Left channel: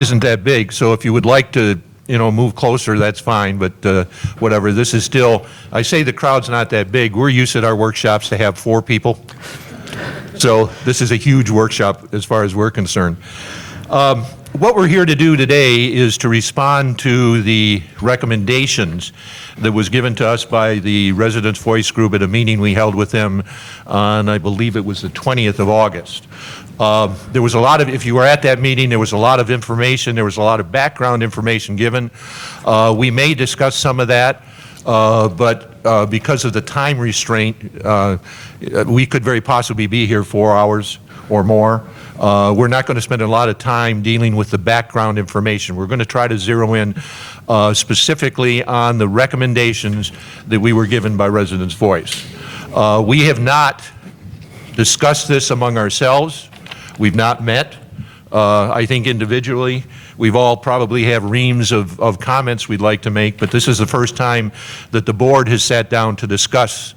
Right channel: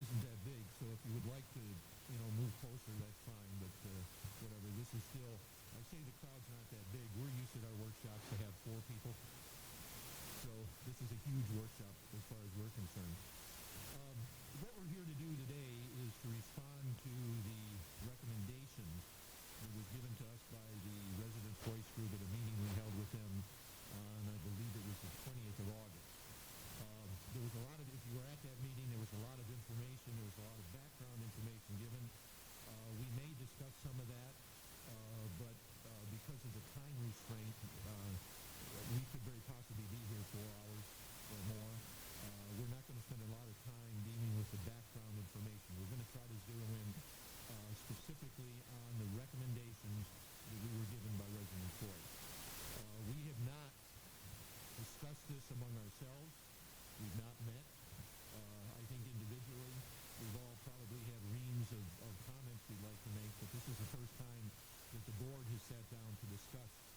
isn't that big, so if you would like to, move closer, that's fine, but whatever. This is still, I say the crowd's not that big. We're used at our workshops to have 4 people. So this is a huge workshop as far as we're concerned. What we're here to do today is to respond to the recommendations that was given to us by the Residents' Voice Group at a meeting we held with them on, I believe it was the 20th of August. There was a lot of, if you were at that meeting, there was a lot of information, there was a lot of background information given. We may discuss some of that, but because of the time restraint, we could very possibly be here 4 hours or more. We're not going to spend a lot of time dealing with the background information. We're going to try to zero in specifically on the recommendations that we were given by Residents' Voice. We have not discussed this among ourselves. We've not met. I think individually, we've all probably have reams of comments we'd like to make, but this is the first time that the board has sat down to discuss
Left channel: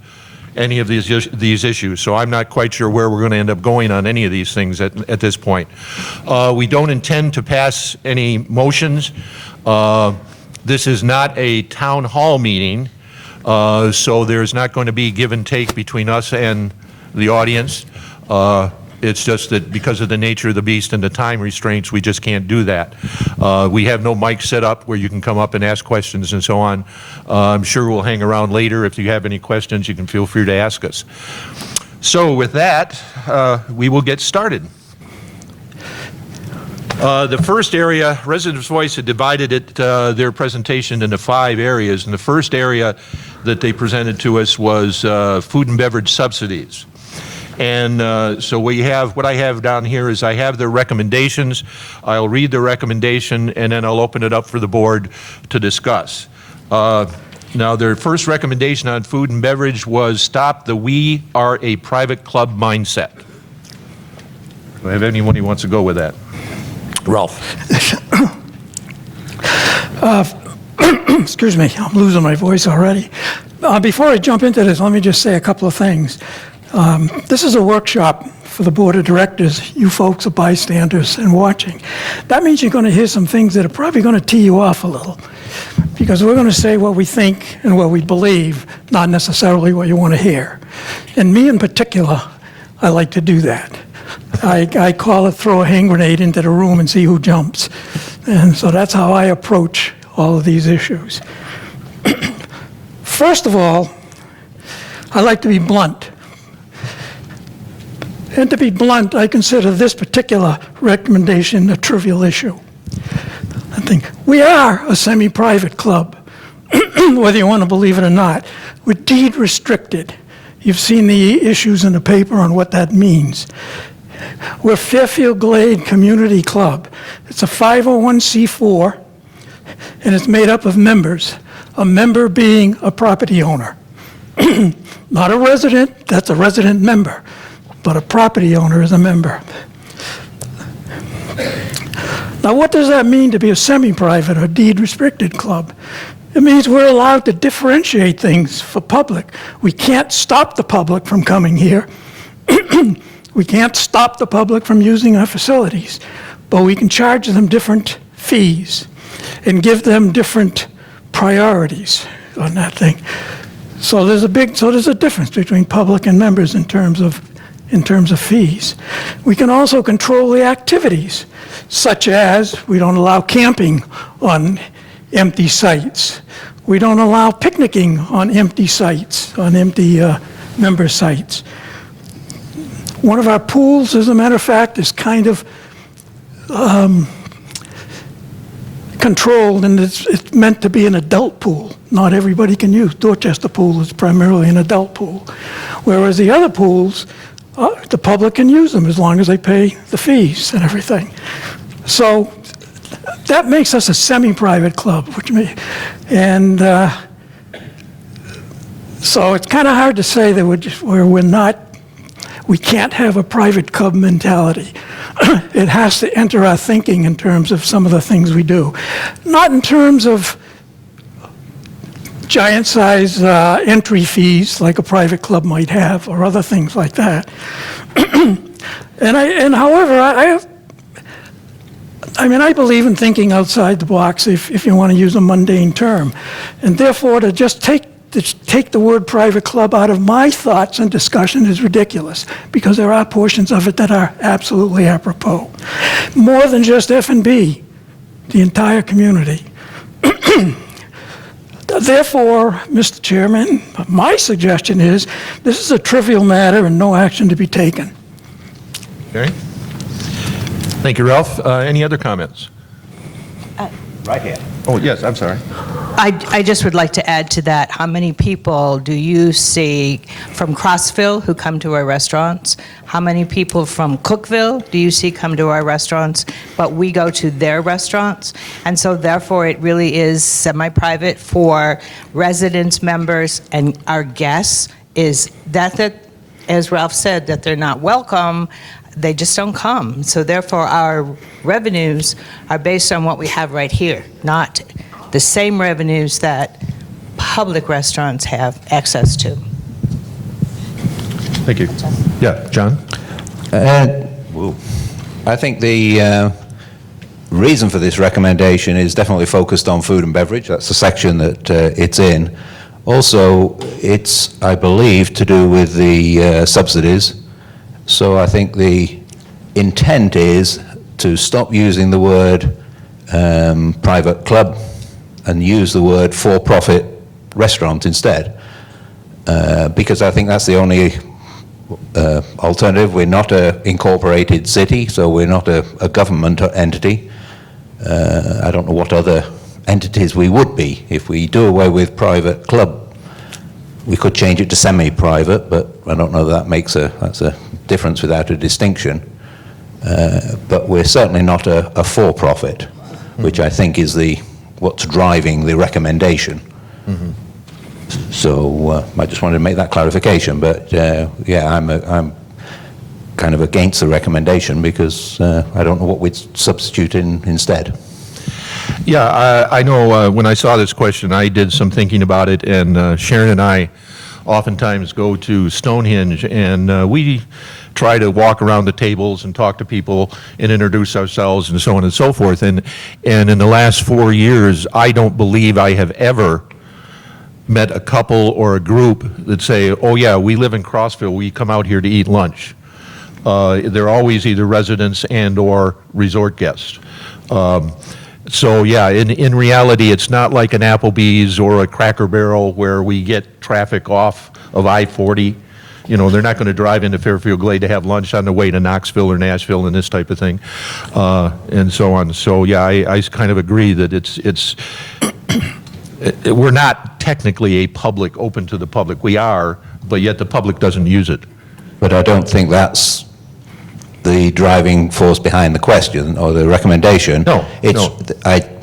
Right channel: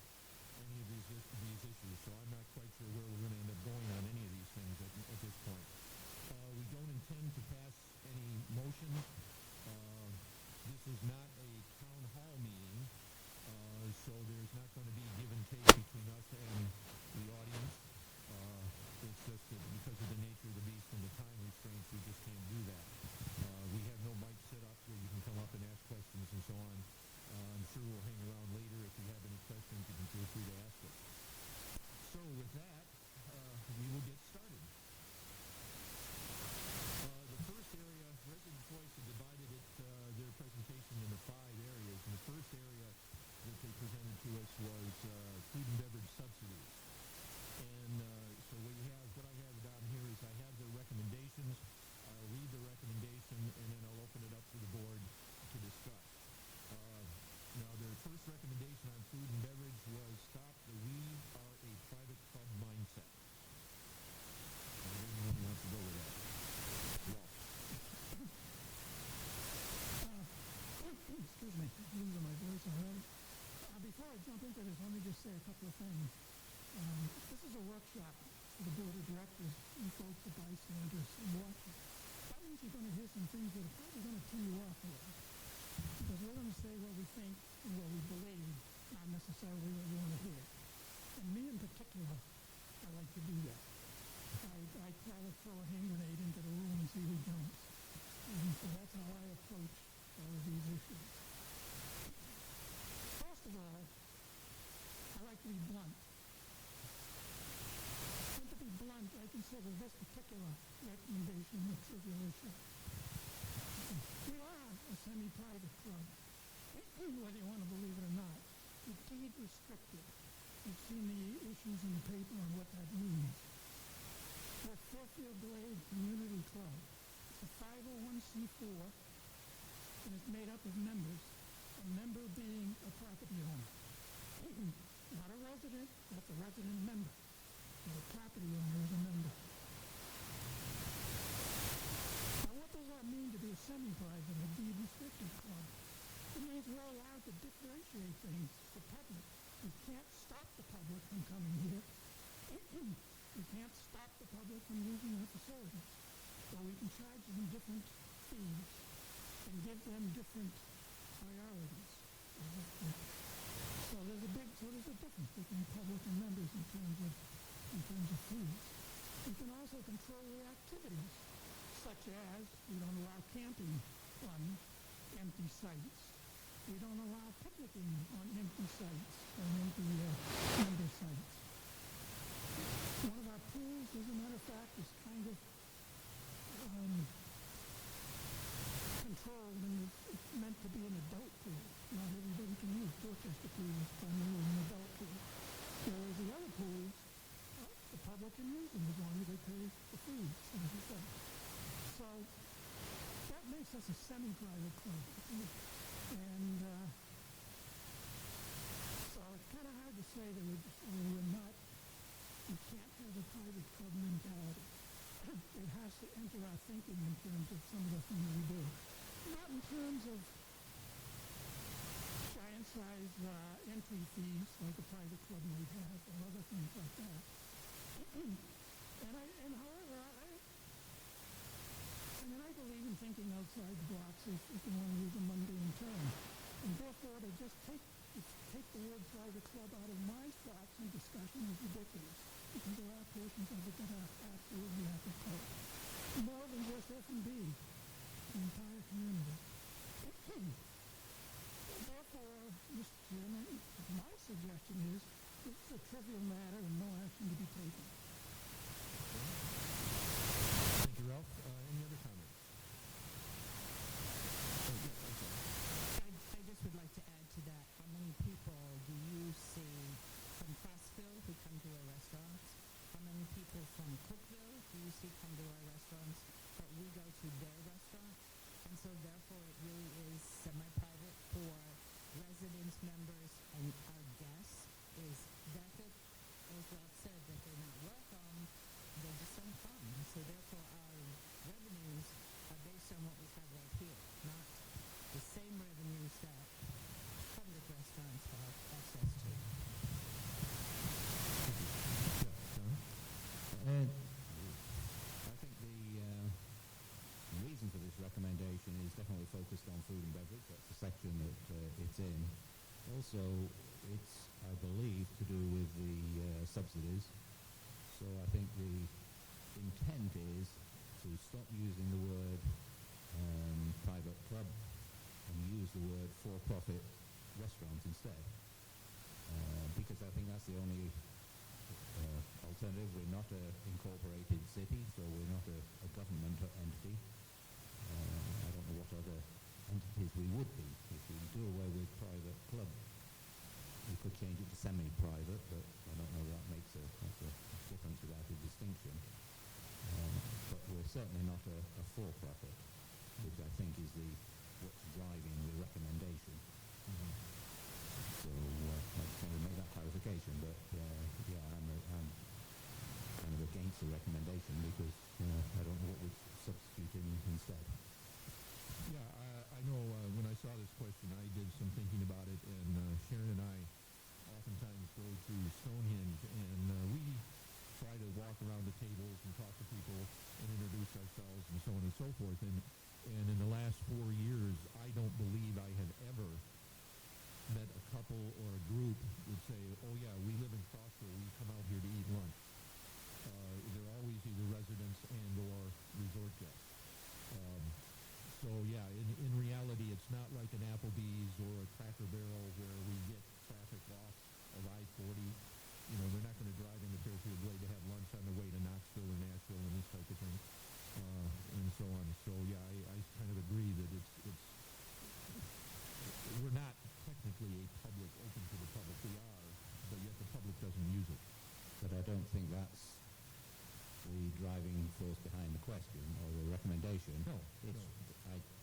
any of these issues. So I'm not quite sure where we're going to end up going on any of these things at this point. We don't intend to pass any motions. This is not a town hall meeting, so there's not going to be give and take between us and the audience. It's just that because of the nature of the beast and the time restraints, we just can't do that. We have no mic set up where you can come up and ask questions and so on. I'm sure we'll hang around later. If you have any questions, you can feel free to ask us. So with that, we will get started. The first area, Residents' Voice had divided their presentation into 5 areas. And the first area that they presented to us was food and beverage subsidies. And so what I have down here is I have their recommendations. I'll read the recommendation and then I'll open it up for the board to discuss. Now their first recommendation on food and beverage was stop the "we are a private club" mindset. Do I have anyone who wants to go with that? Ralph. Excuse me, I'm losing my voice already. Before I jump into this, let me just say a couple of things. This is a workshop for the board of directors. You folks are bystanders and watching. That means you're going to hear some things that are probably going to tee you off a little, because we're going to say what we think and what we believe, not necessarily what you want to hear. And me in particular, I like to do that. I call it throw a hand grenade into the room and see who jumps. And so that's how I approach all of these issues. First of all, I like to be blunt. And to be blunt, I consider this particular recommendation a trivial issue. I think we are a semi-private club, whether you want to believe it or not. We're deed restricted. You've seen the issues in the paper on what that means. We're Fairfield Glade Community Club. It's a 501c4, and it's made up of members, a member being a property owner. Not a resident, that's a resident member, but a property owner is a member. Now, what does that mean to be a semi-private or deed-restricted club? It means we're allowed to differentiate things for public. We can't stop the public from coming here. We can't stop the public from using our facilities, but we can charge them different fees and give them different priorities on that thing. So there's a difference between public and members in terms of fees. We can also control the activities, such as we don't allow camping on empty sites. We don't allow picnicking on empty sites, on empty member sites. One of our pools, as a matter of fact, is kind of controlled, and it's meant to be an adult pool. Not everybody can use. Dorchester Pool is primarily an adult pool, whereas the other pools, the public can use them as long as they pay the fees and everything. So that makes us a semi-private club, so it's kind of hard to say that we can't have a private club mentality. It has to enter our thinking in terms of some of the things we do. Not in terms of giant size entry fees like a private club might have, or other things like that. However, I mean, I believe in thinking outside the box, if you want to use a mundane term. And therefore, to just take the word private club out of my thoughts and discussion is ridiculous, because there are portions of it that are absolutely apropos. More than just F&B, the entire community. Therefore, Mr. Chairman, my suggestion is this is a trivial matter and no action to be taken. Okay. Thank you, Ralph. Any other comments? Right here. Oh, yes, I'm sorry. I just would like to add to that, how many people do you see from Crossville who come to our restaurants? How many people from Cookville do you see come to our restaurants, but we go to their restaurants? And so therefore, it really is semi-private for residents, members, and our guests, is that, as Ralph said, that they're not welcome, they just don't come. So therefore, our revenues are based on what we have right here, not the same revenues that public restaurants have access to. Thank you. Yeah, John? I think the reason for this recommendation is definitely focused on food and beverage. That's the section that it's in. Also, it's, I believe, to do with the subsidies. So I think the intent is to stop using the word private club and use the word for-profit restaurant instead, because I think that's the only alternative. We're not an incorporated city, so we're not a government entity. I don't know what other entities we would be. If we do away with private club, we could change it to semi-private, but I don't know that that's a difference without a distinction. But we're certainly not a for-profit, which I think is what's driving the recommendation. Mm-hmm. So I just wanted to make that clarification. But yeah, I'm kind of against the recommendation because I don't know what we'd substitute instead. Yeah, I know when I saw this question, I did some thinking about it, and Sharon and I oftentimes go to Stonehenge, and we try to walk around the tables and talk to people and introduce ourselves and so on and so forth. And in the last 4 years, I don't believe I have ever met a couple or a group that say, oh yeah, we live in Crossville, we come out here to eat lunch. They're always either residents and or resort guests. So yeah, in reality, it's not like an Applebee's or a Cracker Barrel where we get traffic off of I-40. You know, they're not going to drive into Fairfield Glade to have lunch on the way to Knoxville or Nashville and this type of thing, and so on. So yeah, I kind of agree that we're not technically a public, open to the public. We are, but yet the public doesn't use it. But I don't think that's the driving force behind the question or the recommendation. No.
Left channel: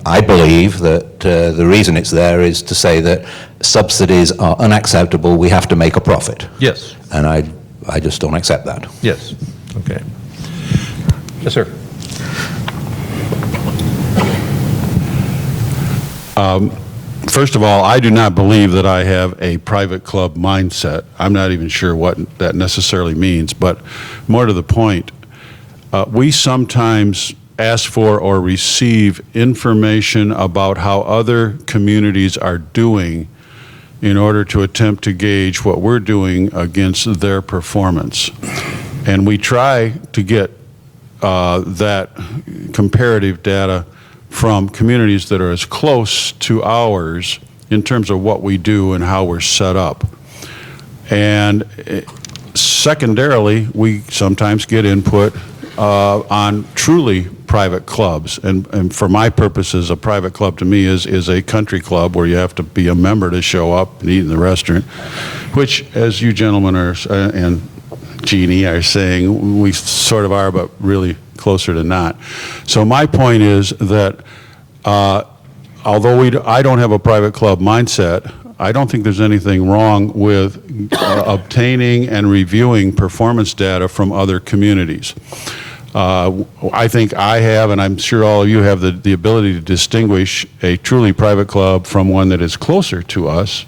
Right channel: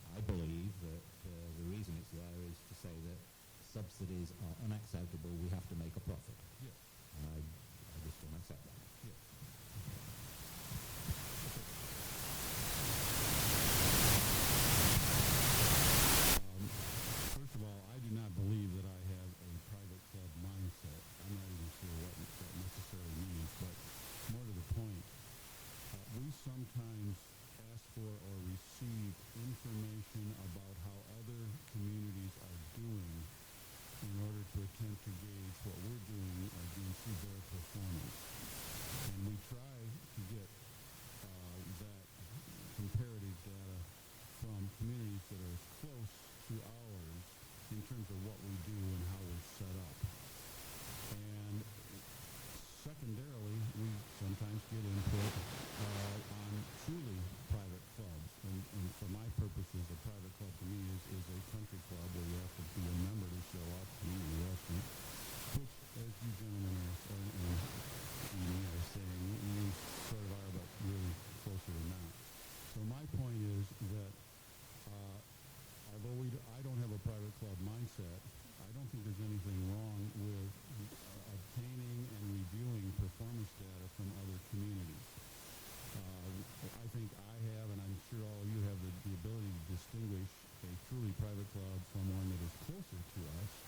I believe that the reason it's there is to say that subsidies are unacceptable. We have to make a profit. Yes. And I just don't accept that. Yes. Okay. Yes, sir. First of all, I do not believe that I have a private club mindset. I'm not even sure what that necessarily means, but more to the point, we sometimes ask for or receive information about how other communities are doing in order to attempt to gauge what we're doing against their performance. And we try to get that comparative data from communities that are as close to ours in terms of what we do and how we're set up. And secondarily, we sometimes get input on truly private clubs. And for my purposes, a private club to me is a country club where you have to be a member to show up and eat in the restaurant, which, as you gentlemen are, and Jeannie are saying, we sort of are, but really closer to not. So my point is that although I don't have a private club mindset, I don't think there's anything wrong with obtaining and reviewing performance data from other communities. I think I have, and I'm sure all of you have, the ability to distinguish a truly private club from one that is closer to us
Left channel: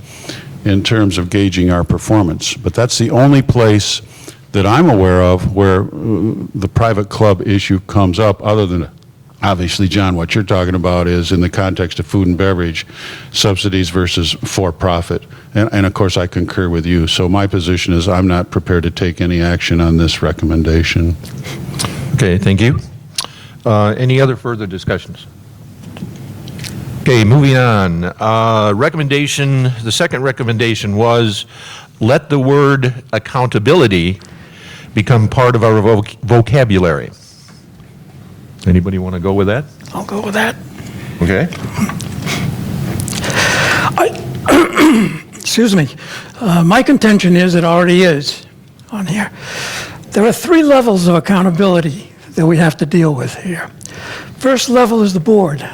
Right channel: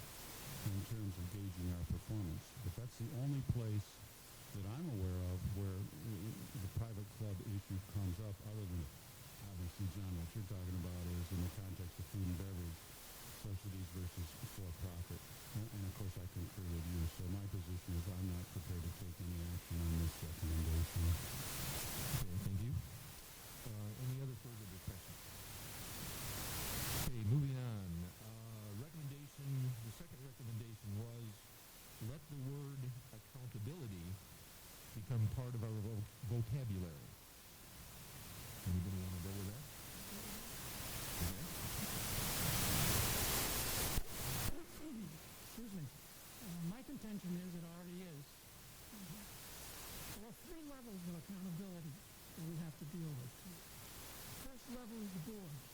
in terms of gauging our performance. But that's the only place that I'm aware of where the private club issue comes up, other than obviously, John, what you're talking about is in the context of food and beverage, subsidies versus for-profit. And of course, I concur with you. So my position is I'm not prepared to take any action on this recommendation. Okay, thank you. Any other further discussions? Okay, moving on. Recommendation, the second recommendation was let the word accountability become part of our vocabulary. Anybody want to go with that? I'll go with that. Okay. Excuse me. My contention is it already is on here. There are 3 levels of accountability that we have to deal with here. First level is the board.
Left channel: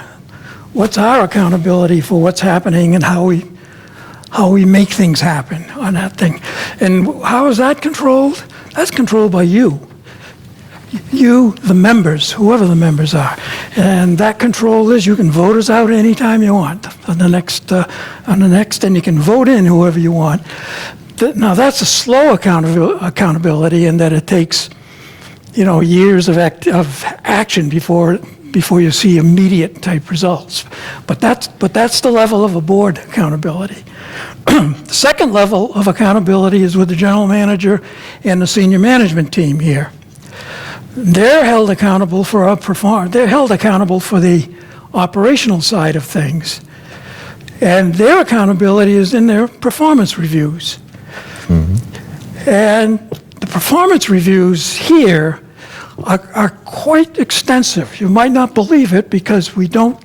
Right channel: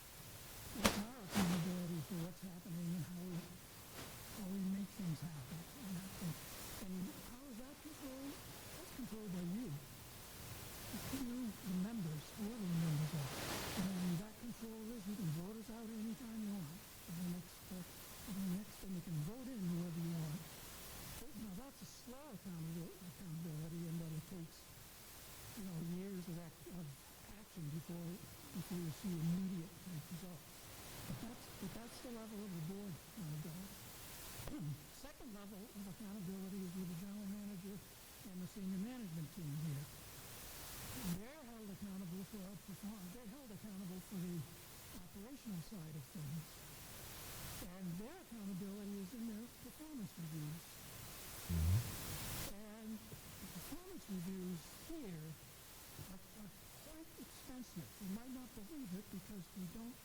What's our accountability for what's happening and how we make things happen on that thing? And how is that controlled? That's controlled by you. You, the members, whoever the members are. And that control is you can vote us out anytime you want on the next, and you can vote in whoever you want. Now, that's a slow accountability in that it takes, years of action before you see immediate type results. But that's the level of a board accountability. The second level of accountability is with the general manager and the senior management team here. They're held accountable for they're held accountable for the operational side of things. And their accountability is in their performance reviews. Mm-hmm. And the performance reviews here are quite extensive. You might not believe it because we don't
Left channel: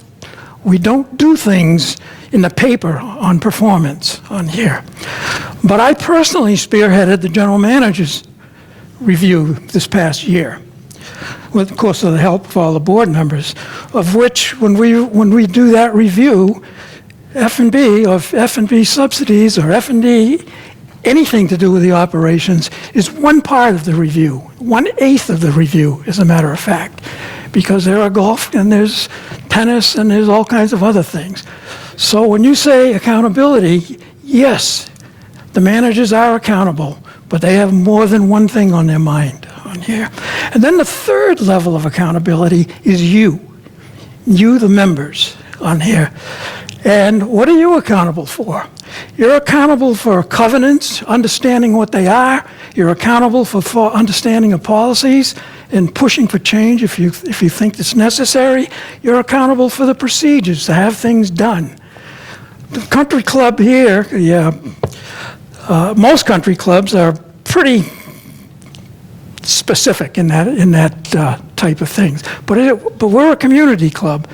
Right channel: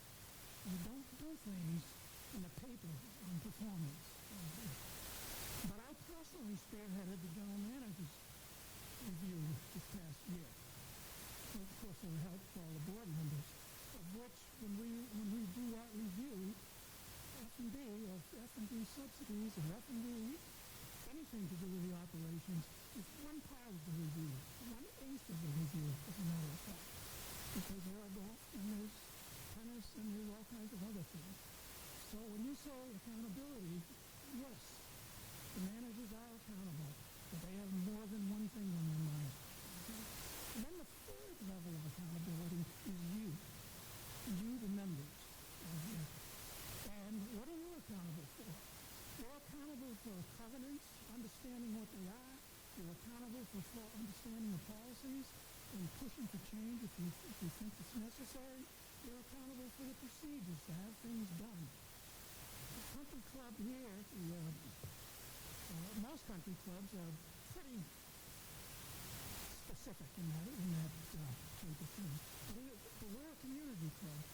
do things in the paper on performance on here. But I personally spearheaded the general manager's review this past year, with, of course, with the help of all the board members, of which when we do that review, F&B or F&B subsidies or F&D, anything to do with the operations is one part of the review, 1/8 of the review, as a matter of fact, because there are golf and there's tennis and there's all kinds of other things. So when you say accountability, yes, the managers are accountable, but they have more than one thing on their mind on here. And then the third level of accountability is you, the members on here. And what are you accountable for? You're accountable for covenants, understanding what they are. You're accountable for understanding of policies and pushing for change if you think it's necessary. You're accountable for the procedures to have things done. The country club here, most country clubs are pretty specific in that type of things. But we're a community club,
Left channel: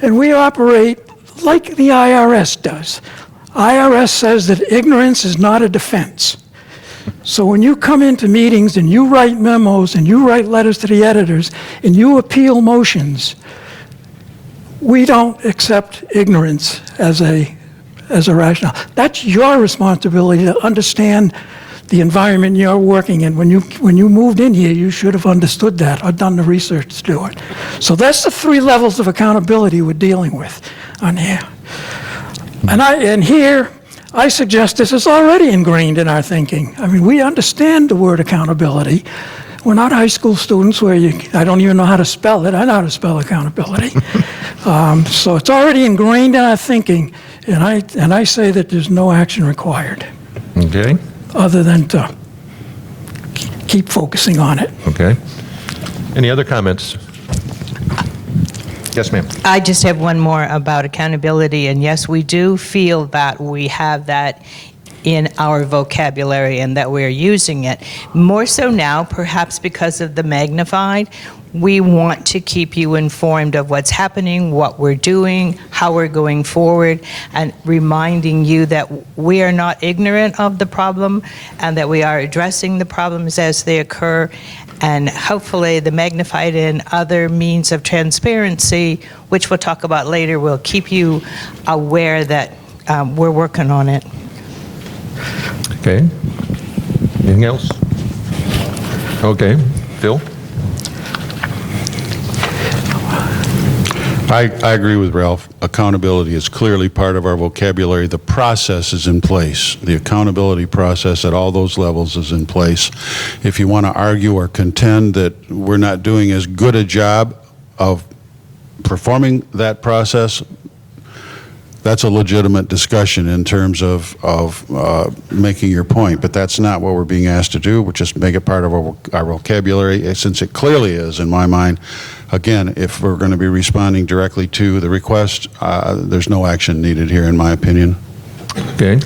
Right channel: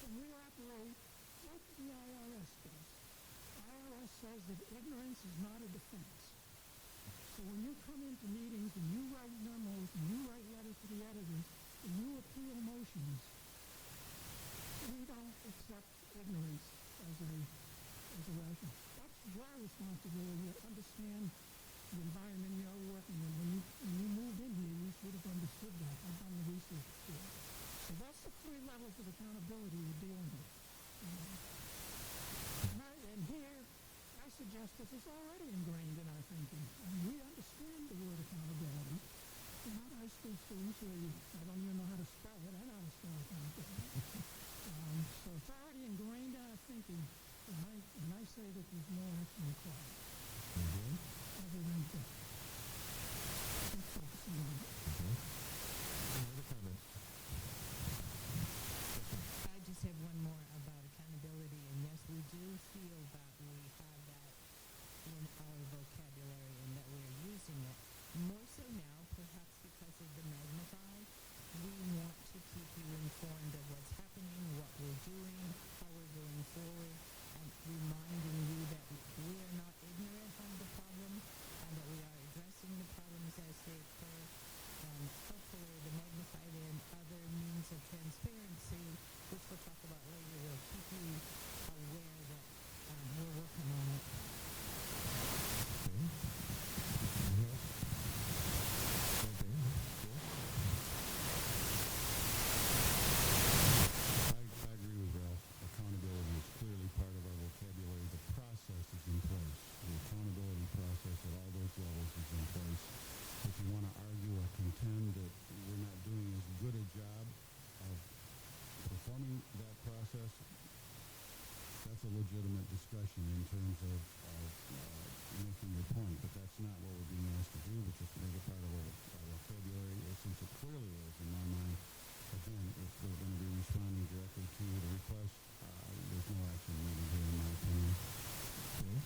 and we operate like the IRS does. IRS says that ignorance is not a defense. So when you come into meetings and you write memos and you write letters to the editors and you appeal motions, we don't accept ignorance as a rationale. That's your responsibility to understand the environment you're working in. When you moved in here, you should have understood that or done the research to do it. So that's the 3 levels of accountability we're dealing with on here. And here, I suggest this is already ingrained in our thinking. I mean, we understand the word accountability. We're not high school students where I don't even know how to spell it. I know how to spell accountability. So it's already ingrained in our thinking, and I say that there's no action required. Okay. Other than to keep focusing on it. Okay. Any other comments? Yes, ma'am. I just have one more about accountability, and yes, we do feel that we have that in our vocabulary and that we're using it. More so now, perhaps because of the magnified, we want to keep you informed of what's happening, what we're doing, how we're going forward, and reminding you that we are not ignorant of the problem and that we are addressing the problems as they occur. And hopefully the magnified and other means of transparency, which we'll talk about later, will keep you aware that we're working on it. Okay. Anything else? Okay. Phil? I agree with Ralph. Accountability is clearly part of our vocabulary. The process is in place. The accountability process at all those levels is in place. If you want to argue or contend that we're not doing as good a job of performing that process, that's a legitimate discussion in terms of making your point, but that's not what we're being asked to do. We'll just make it part of our vocabulary, since it clearly is, in my mind. Again, if we're going to be responding directly to the request, there's no action needed here, in my opinion. Okay.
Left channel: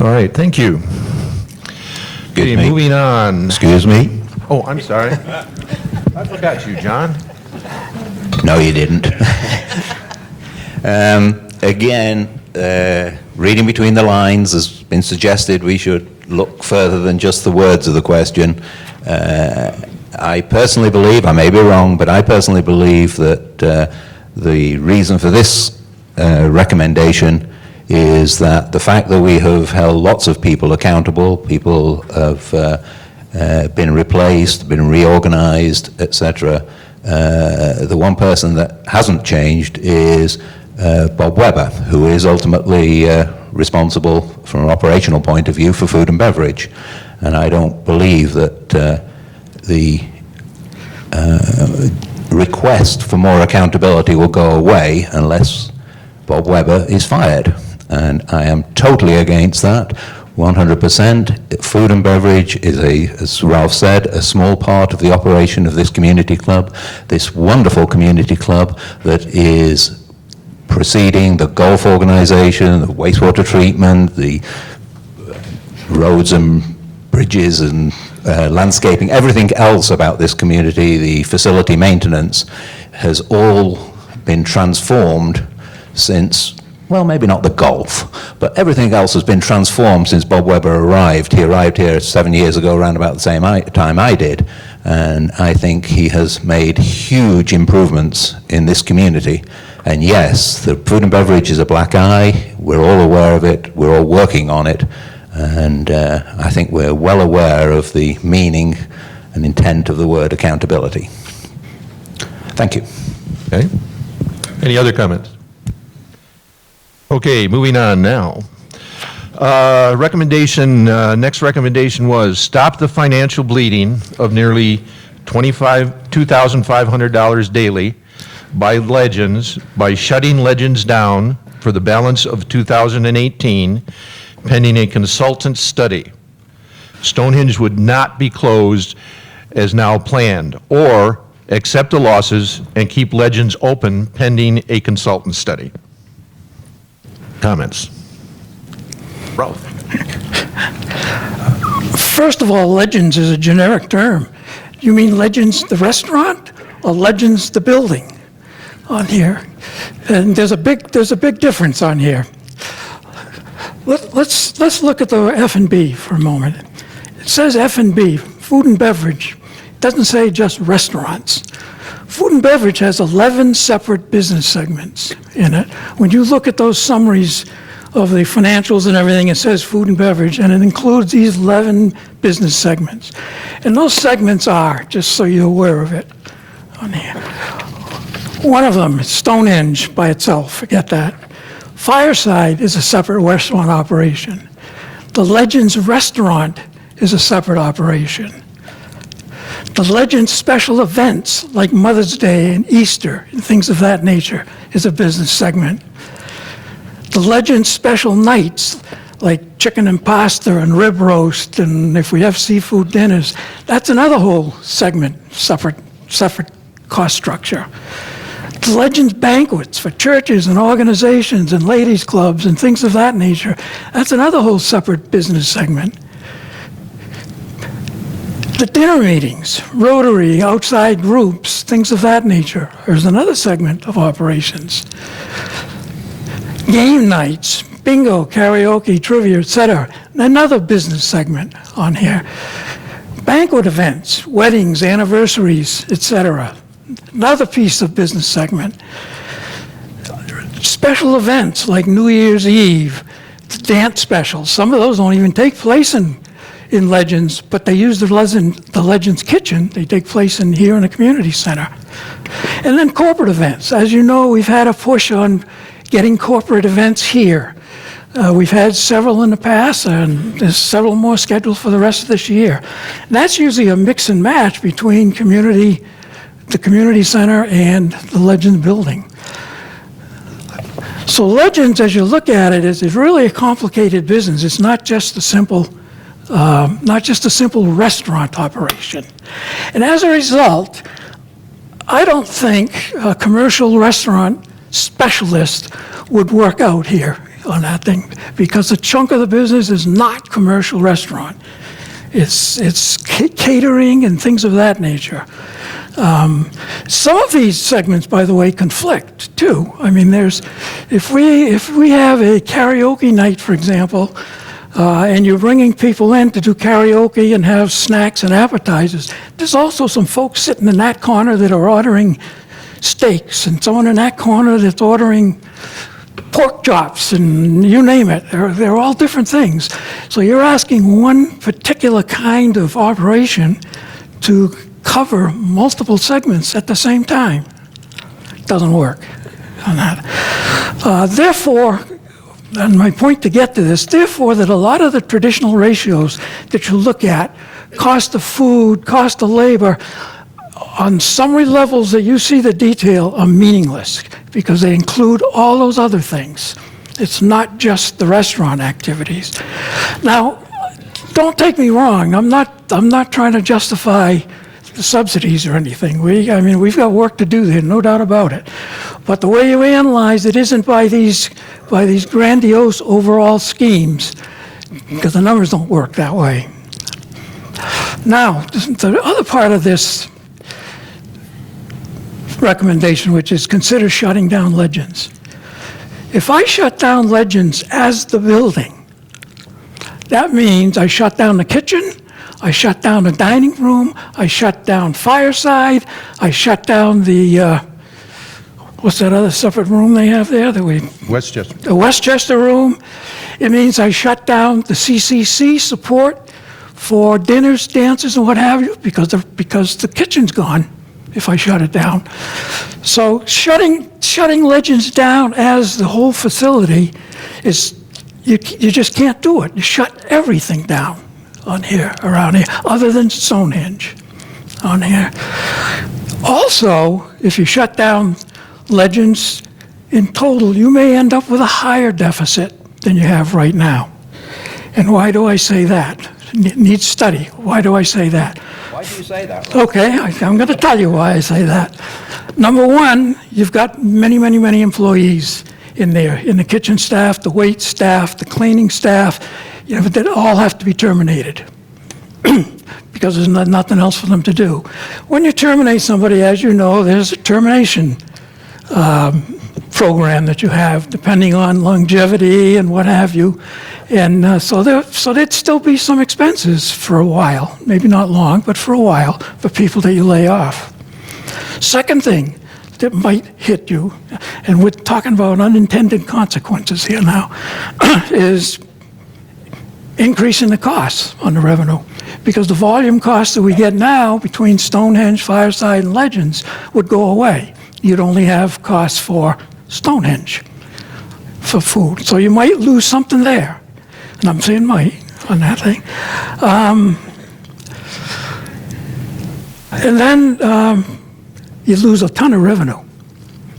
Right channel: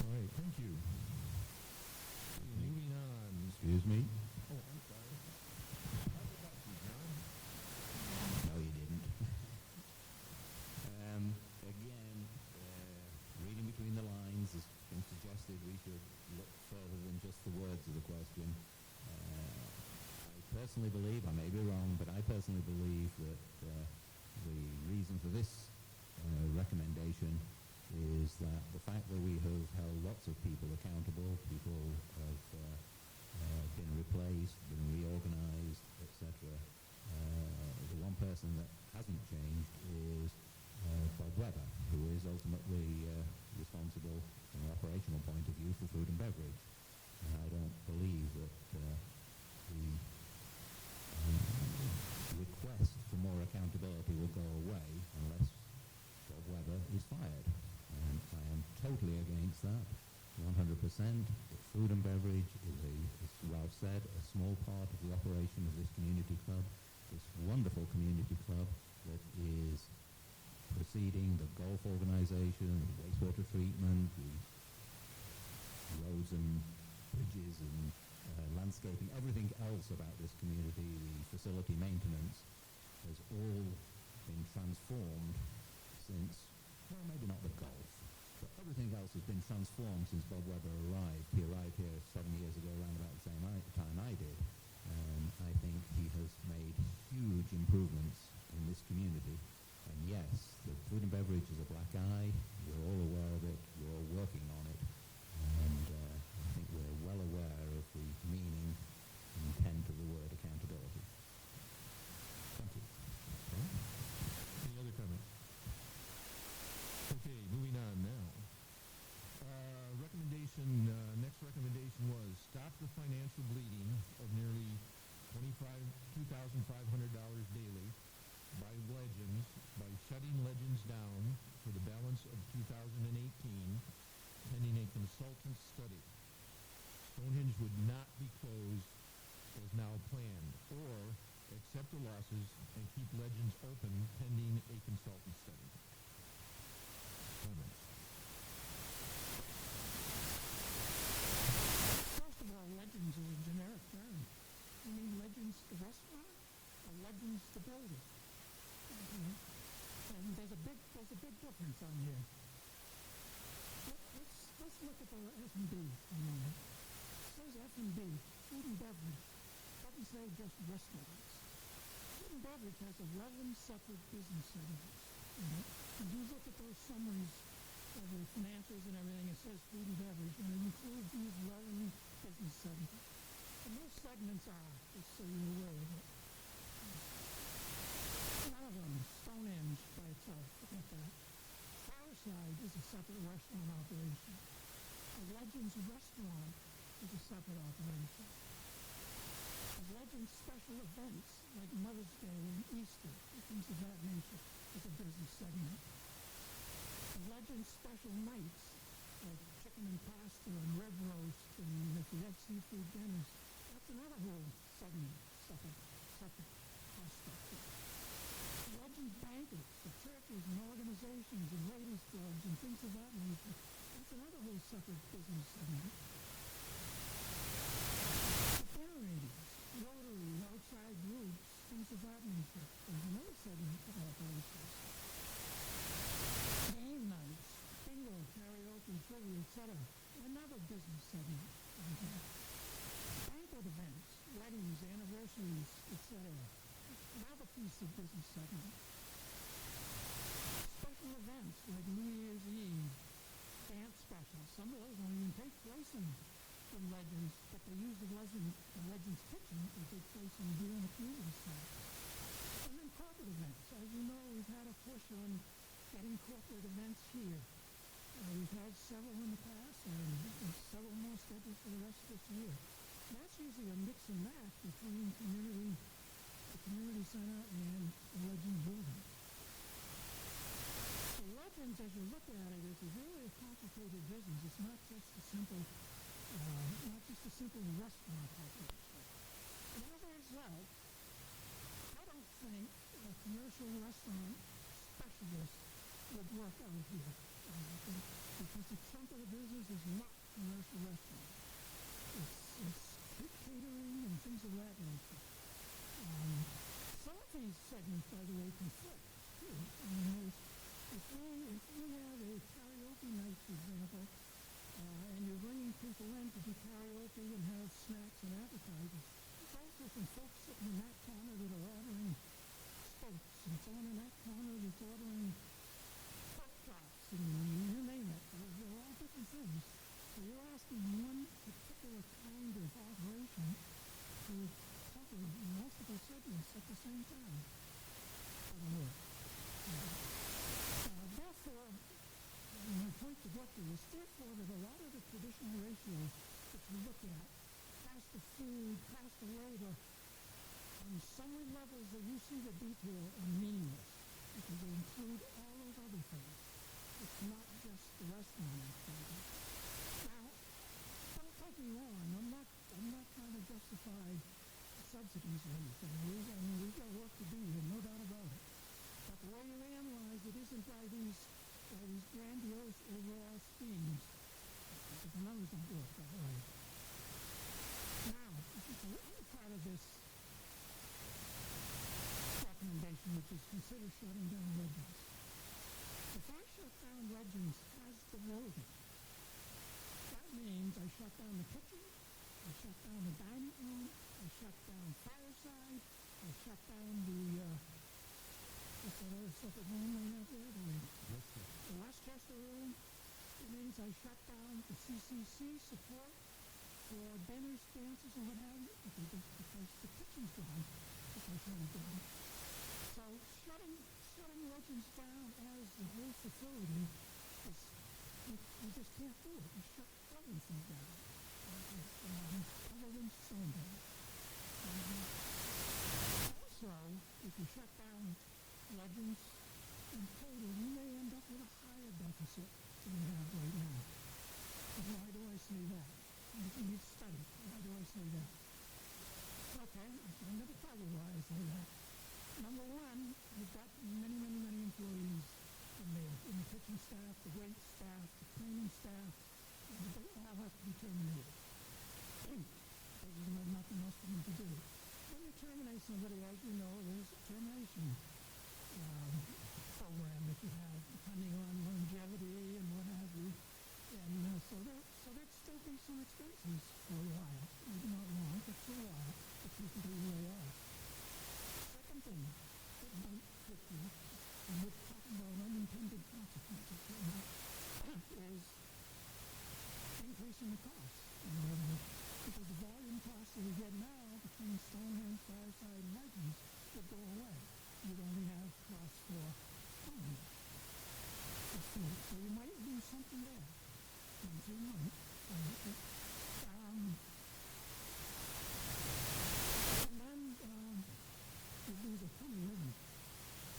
All right, thank you. Okay, me. moving on. Excuse me? Oh, I'm sorry. I forgot you, John. No, you didn't. Again, reading between the lines has been suggested we should look further than just the words of the question. I personally believe, I may be wrong, but I personally believe that the reason for this recommendation is that the fact that we have held lots of people accountable, people have been replaced, been reorganized, etc. The one person that hasn't changed is Bob Weber, who is ultimately responsible from an operational point of view for food and beverage. And I don't believe that the request for more accountability will go away unless Bob Weber is fired. And I am totally against that, 100%. Food and beverage is, as Ralph said, a small part of the operation of this community club, this wonderful community club that is preceding the golf organization, the wastewater treatment, the roads and bridges and landscaping, everything else about this community, the facility maintenance, has all been transformed since, well, maybe not the golf, but everything else has been transformed since Bob Weber arrived. He arrived here 7 years ago, around about the same time I did, and I think he has made huge improvements in this community. And yes, the food and beverage is a black eye. We're all aware of it. We're all working on it. And I think we're well aware of the meaning and intent of the word accountability. Thank you. Okay. Any other comments? Okay, moving on now. Next recommendation was stop the financial bleeding of nearly $2,500 daily by Legends by shutting Legends down for the balance of 2018 pending a consultant study. Stonehenge would not be closed as now planned, or accept the losses and keep Legends open pending a consultant study. Comments? Ralph. First of all, Legends is a generic term. You mean Legends the restaurant or Legends the building on here? And there's a big difference on here. Let's look at the F&B for a moment. It says F&B, food and beverage. It doesn't say just restaurants. Food and beverage has 11 separate business segments in it. When you look at those summaries of the financials and everything, it says food and beverage, and it includes these 11 business segments. And those segments are, just so you're aware of it, on here. One of them is Stonehenge by itself, forget that. Fireside is a separate restaurant operation. The Legends restaurant is a separate operation. The Legends special events like Mother's Day and Easter and things of that nature is a business segment. The Legends special nights like chicken and pasta and rib roast, and if we have seafood dinners, that's another whole segment, separate cost structure. The Legends banquets for churches and organizations and ladies clubs and things of that nature, that's another whole separate business segment. The dinner meetings, Rotary, outside groups, things of that nature, there's another segment of operations. Game nights, bingo, karaoke, trivia, etc., another business segment on here. Banquet events, weddings, anniversaries, etc., another piece of business segment. Special events like New Year's Eve, the dance specials, some of those don't even take place in Legends, but they use the Legends kitchen. They take place here in the community center. And then corporate events. As you know, we've had a push on getting corporate events here. We've had several in the past, and there's several more scheduled for the rest of this year. And that's usually a mix and match between community the community center and the Legends building. So Legends, as you look at it, is really a complicated business. It's not just a simple restaurant operation. And as a result, I don't think a commercial restaurant specialist would work out here on that thing, because a chunk of the business is not commercial restaurant. It's catering and things of that nature. Some of these segments, by the way, conflict too. I mean, if we have a karaoke night, for example, and you're bringing people in to do karaoke and have snacks and appetizers, there's also some folks sitting in that corner that are ordering steaks, and someone in that corner that's ordering pork chops, and you name it. They're all different things. So you're asking one particular kind of operation to cover multiple segments at the same time. It doesn't work on that. Therefore, and my point to get to this, therefore, that a lot of the traditional ratios that you look at, cost of food, cost of labor, on summary levels that you see the detail are meaningless because they include all those other things. It's not just the restaurant activities. Now, don't take me wrong. I'm not trying to justify the subsidies or anything. We've got work to do there, no doubt about it. But the way you analyze it isn't by these grandiose overall schemes, because the numbers don't work that way. Now, the other part of this recommendation, which is consider shutting down Legends. If I shut down Legends as the building, that means I shut down the kitchen, I shut down the dining room, I shut down Fireside, I shut down the, what's that other separate room they have there? Westchester. The Westchester room. It means I shut down the CCC support for dinners, dances, and what have you, because the kitchen's gone if I shut it down. So shutting Legends down as the whole facility is, you just can't do it. You shut everything down on here, around here, other than Stonehenge on here. Also, if you shut down Legends in total, you may end up with a higher deficit than you have right now. And why do I say that? Needs study. Why do I say that? Why do you say that? Okay, I'm going to tell you why I say that. Number one, you've got many, many, many employees in there, in the kitchen staff, the wait staff, the cleaning staff, that all have to be terminated because there's nothing else for them to do. When you terminate somebody, as you know, there's a termination program that you have, depending on longevity and what have you. And so there'd still be some expenses for a while, maybe not long, but for a while, for people that you lay off. Second thing that might hit you, and we're talking about unintended consequences here now, is increasing the costs on the revenue. Because the volume costs that we get now between Stonehenge, Fireside, and Legends would go away. You'd only have costs for Stonehenge, for food. So you might lose something there. And I'm saying might on that thing. And then you lose a ton of revenue.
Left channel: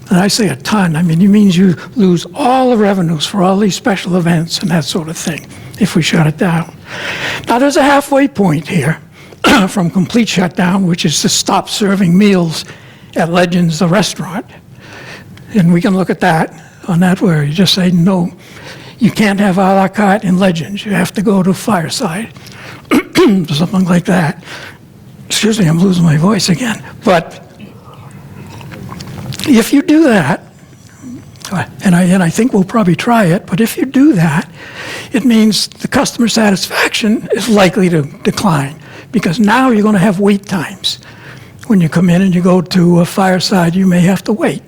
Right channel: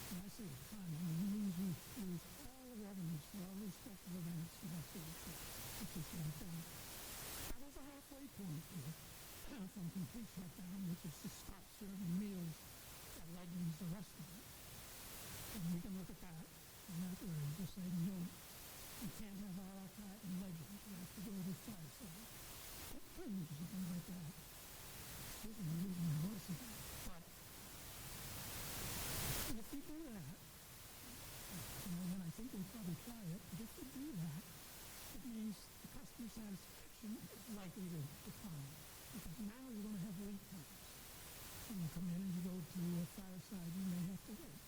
And I say a ton, it means you lose all the revenues for all these special events and that sort of thing if we shut it down. Now there's a halfway point here from complete shutdown, which is to stop serving meals at Legends, the restaurant. And we can look at that on that where you just say, no, you can't have a la carte in Legends. You have to go to Fireside, something like that. Excuse me, I'm losing my voice again. But if you do that, and I think we'll probably try it, but if you do that, it means the customer satisfaction is likely to decline because now you're going to have wait times. When you come in and you go to a Fireside, you may have to wait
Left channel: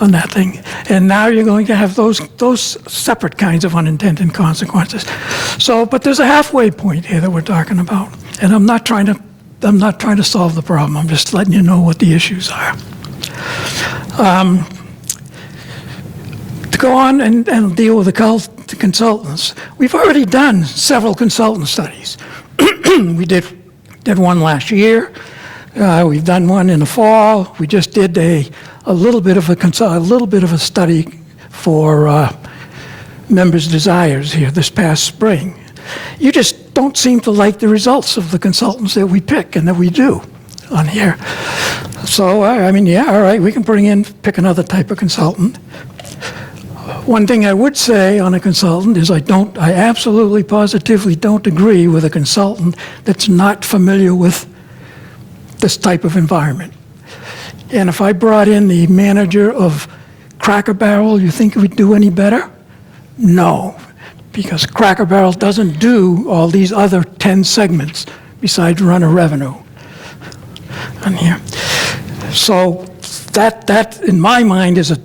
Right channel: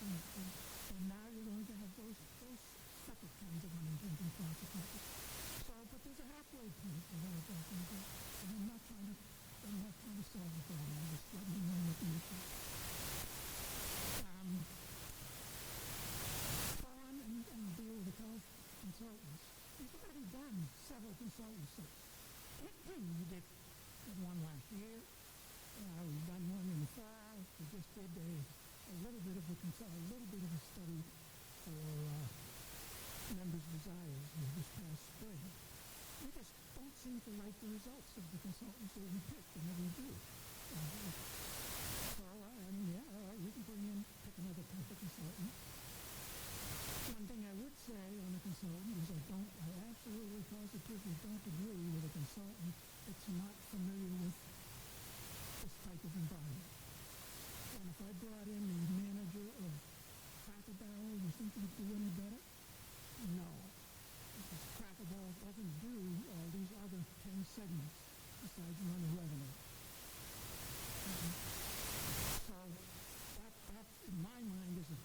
on that thing. And now you're going to have those separate kinds of unintended consequences. So, but there's a halfway point here that we're talking about. And I'm not trying to solve the problem. I'm just letting you know what the issues are. To go on and deal with the consultants, we've already done several consultant studies. We did one last year. We've done one in the fall. We just did a little bit of a study for members' desires here this past spring. You just don't seem to like the results of the consultants that we pick and that we do on here. So, I mean, yeah, all right, we can pick another type of consultant. One thing I would say on a consultant is I absolutely positively don't agree with a consultant that's not familiar with this type of environment. And if I brought in the manager of Cracker Barrel, you think it would do any better? No, because Cracker Barrel doesn't do all these other 10 segments besides run a revenue on here. So that in my mind is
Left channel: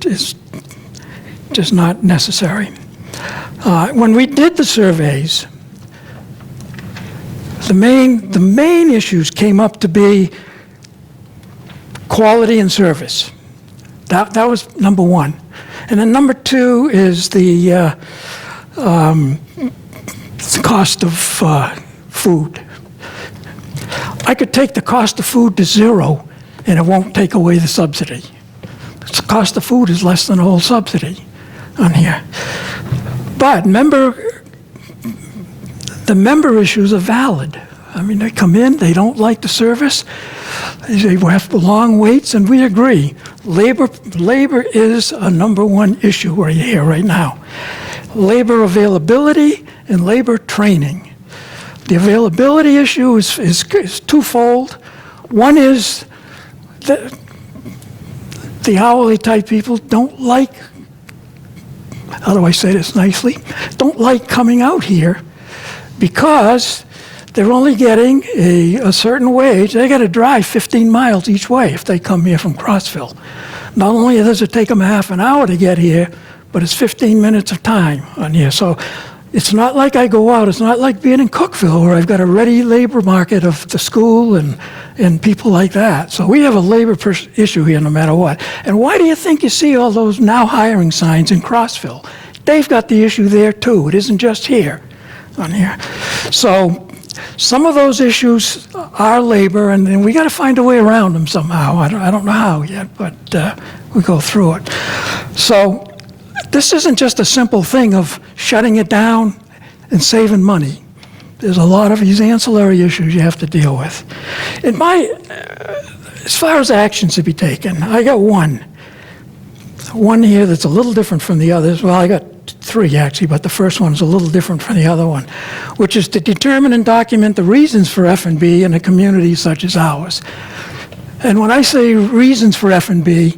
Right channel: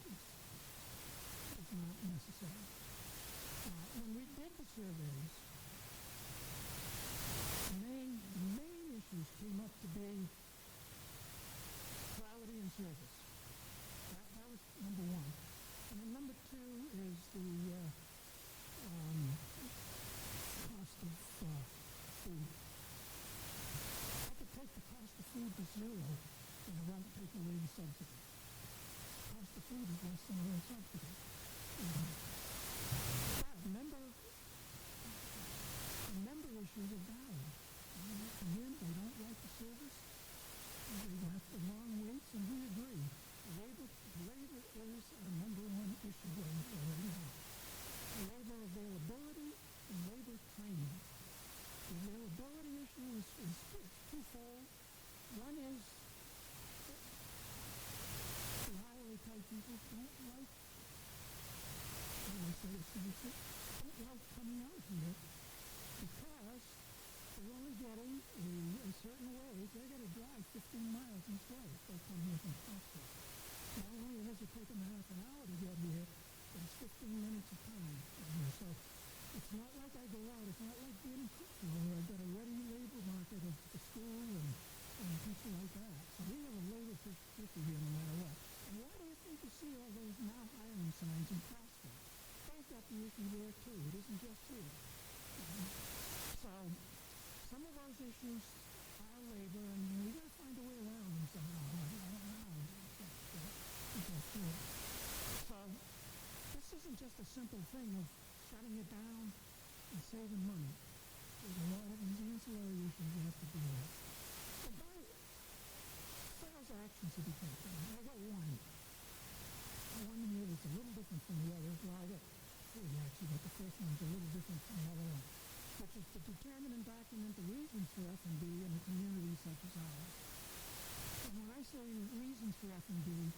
just not necessary. When we did the surveys, the main issues came up to be quality and service. That was number one. And then number two is the cost of food. I could take the cost of food to zero and it won't take away the subsidy. The cost of food is less than the whole subsidy on here. But the member issues are valid. I mean, they come in, they don't like the service, they have long waits, and we agree. Labor is a number one issue right here, right now. Labor availability and labor training. The availability issue is twofold. One is that the hourly type people don't like, how do I say this nicely, don't like coming out here because they're only getting a certain wage. They got to drive 15 miles each way if they come here from Crossville. Not only does it take them a half an hour to get here, but it's 15 minutes of time on here. So it's not like I go out. It's not like being in Cookville where I've got a ready labor market of the school and people like that. So we have a labor issue here no matter what. And why do you think you see all those now hiring signs in Crossville? They've got the issue there too. It isn't just here on here. So some of those issues are labor, and we got to find a way around them somehow. I don't know how yet, but we go through it. So this isn't just a simple thing of shutting it down and saving money. There's a lot of these ancillary issues you have to deal with. As far as actions to be taken, I got one here that's a little different from the others. Well, I got three actually, but the first one is a little different from the other one, which is to determine and document the reasons for F&B in a community such as ours. And when I say reasons for F&B,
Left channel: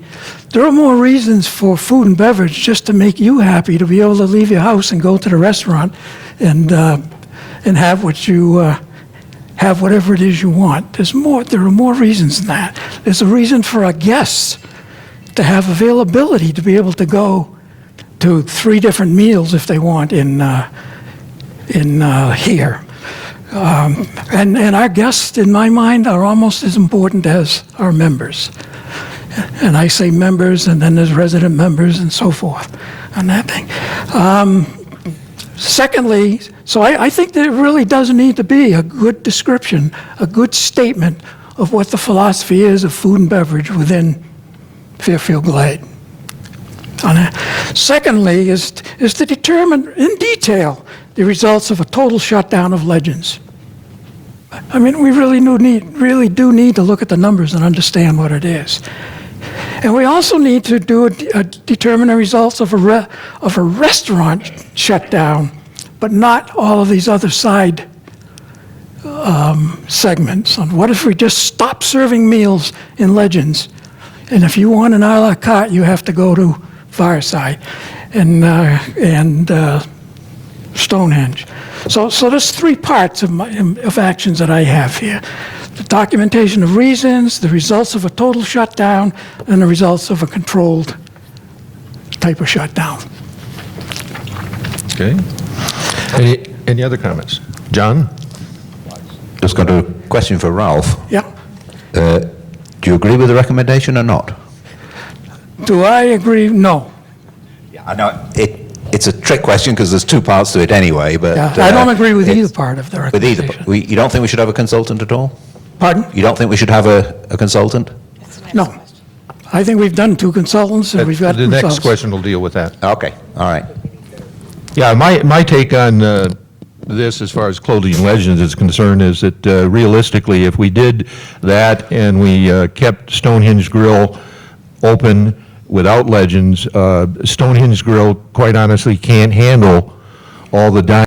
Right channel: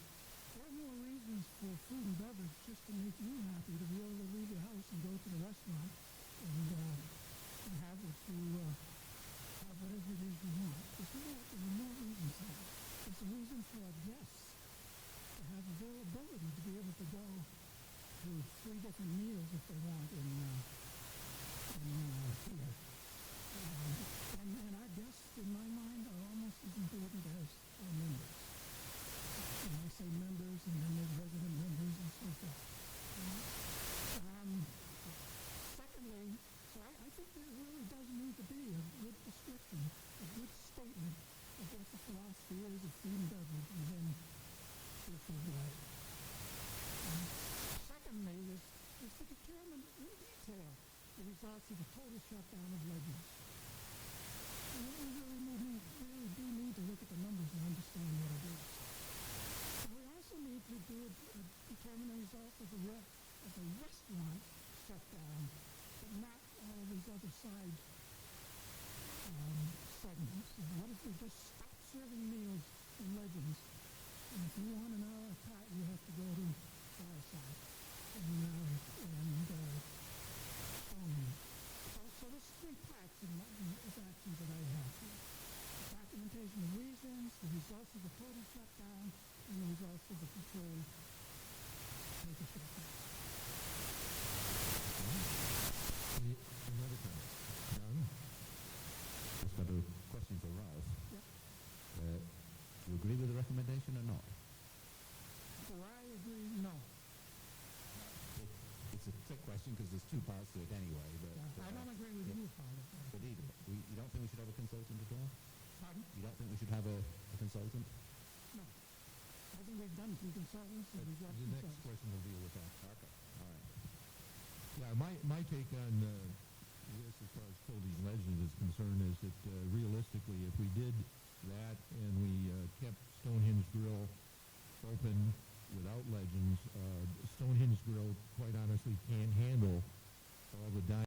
there are more reasons for food and beverage just to make you happy to be able to leave your house and go to the restaurant and have what you have whatever it is you want. There are more reasons than that. There's a reason for our guests to have availability to be able to go to 3 different meals if they want in here. And our guests, in my mind, are almost as important as our members. And I say members, and then there's resident members and so forth on that thing. Secondly, so I think there really does need to be a good description, a good statement of what the philosophy is of food and beverage within Fairfield Glade. Secondly is to determine in detail the results of a total shutdown of Legends. I mean, we really do need to look at the numbers and understand what it is. And we also need to determine the results of a restaurant shutdown, but not all of these other side segments. And what if we just stop serving meals in Legends? And if you want an a la carte, you have to go to Fireside and Stonehenge. So there's 3 parts of actions that I have here. The documentation of reasons, the results of a total shutdown, and the results of a controlled type of shutdown. Okay. Any other comments? John? Just got a question for Ralph. Yeah. Do you agree with the recommendation or not? Do I agree? No. Yeah, I know it's a trick question because there's 2 parts to it anyway. But Yeah, I don't agree with either part of the with either. recommendation. You don't think we should have a consultant at all? Pardon? You don't think we should have a consultant? No. I think we've done 2 consultants and we've got The next results. question will deal with that. Okay, all right. Yeah, my take on this, as far as Clothing Legends is concerned, is that realistically, if we did that and we kept Stonehenge Grill open without Legends, Stonehenge Grill, quite honestly, can't handle all the dining